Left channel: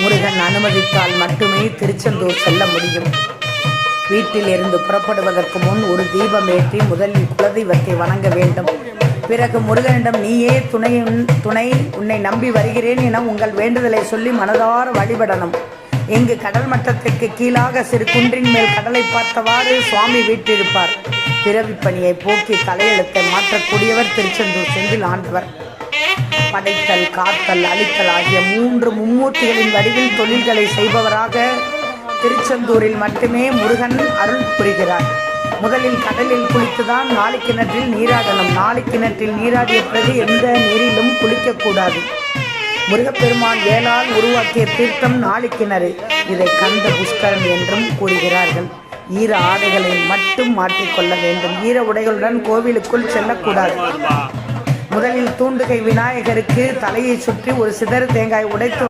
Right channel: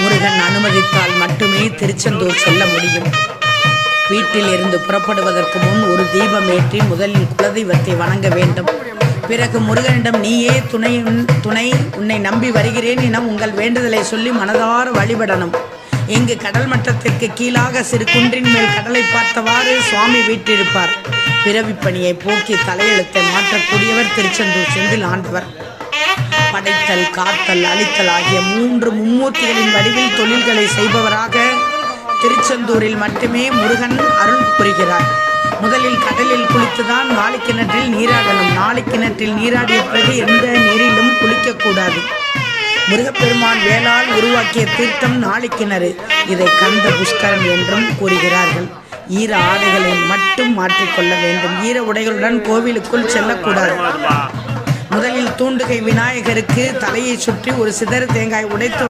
முருகன் அனுமதித்தால் மட்டுமே திருச்செந்தூர் செல்ல முடியும். வீட்டில் இருந்து புறப்படுவதற்கு முன் ஒரு தீபம் ஏற்றி முதலில் குலதெய்வத்தை வணங்க வேண்டும். பிறகு முருகனிடம் நீயே துணை உன்னை நம்பி வருகிறேன் என உங்கள் வேண்டுதலை சொல்லி மனதார வழிபடணும். இங்கு கடல் மட்டத்திற்கு கீழாக சிறு குன்றின் மேல் கடலை பார்த்தவாறு சுவாமி வீற்றிருப்பார். பிறவிப்பணியை போக்கி தலையெழுத்தை மாற்றக்கூடியவர் திருச்செந்தூர் செந்தில் ஆண்டவர். படைத்தல், காத்தல், அழித்தல் ஆகிய 3 மும்மூர்த்திகளின் வடிவில் தொழில்களை செய்பவராக திருச்செந்தூரில் மட்டுமே முருகன் அருள் புரிகிறார். முதலில் கடலில் குளித்துதான் நாளிக்கிணற்றில் நீராடணும். நாளிக்கிணற்றில் நீராடிய பிறகு எந்த நீரிலும் குளிக்கக்கூடாது. முருகப்பெருமான் வேளால் உருவாக்கிய தீர்த்தம் நாளிக்கிணறு. இதை கந்த புஷ்கரம் என்றும் கூறுகிறார்கள். ஈர ஆடைகளை மட்டும் மாற்றிக்கொள்ள வேண்டும். ஈர உடைகளுடன் கோவிலுக்குள் செல்லக்கூடாது. முதலில் தூண்டுகை விநாயகருக்கு தலையை சுற்றி ஒரு சிதறு தேங்காய் உடைத்து